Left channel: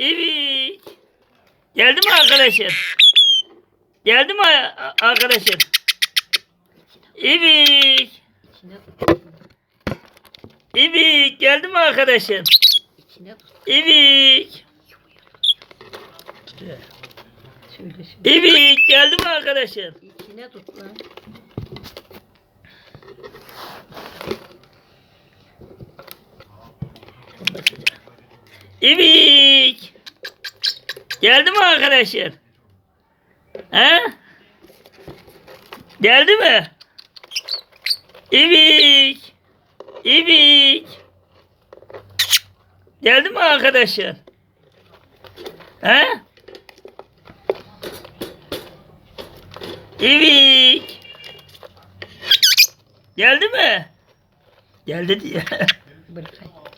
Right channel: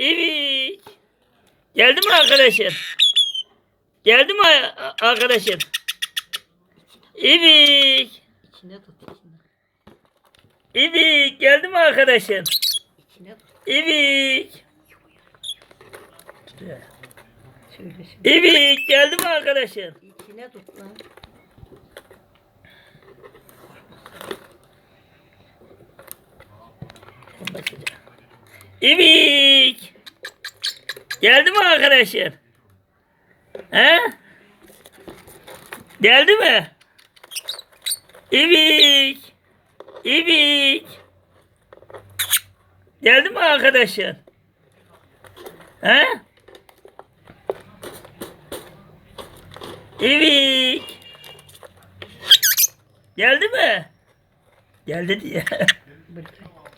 İvik. Geldi mi arkadaşın? Geldi mi a- arkadaşın? İvik. İçine tut. İvik. Geldi mi. Söyle şimdi. İvik. Geldi mi arkadaşın? İçine. İvik. Geldi mi arkadaşın? He? Geldi mi? İvik. İvik. Geldi mi arkadaşın? He? İvik. Geldi mi? Geldi diye.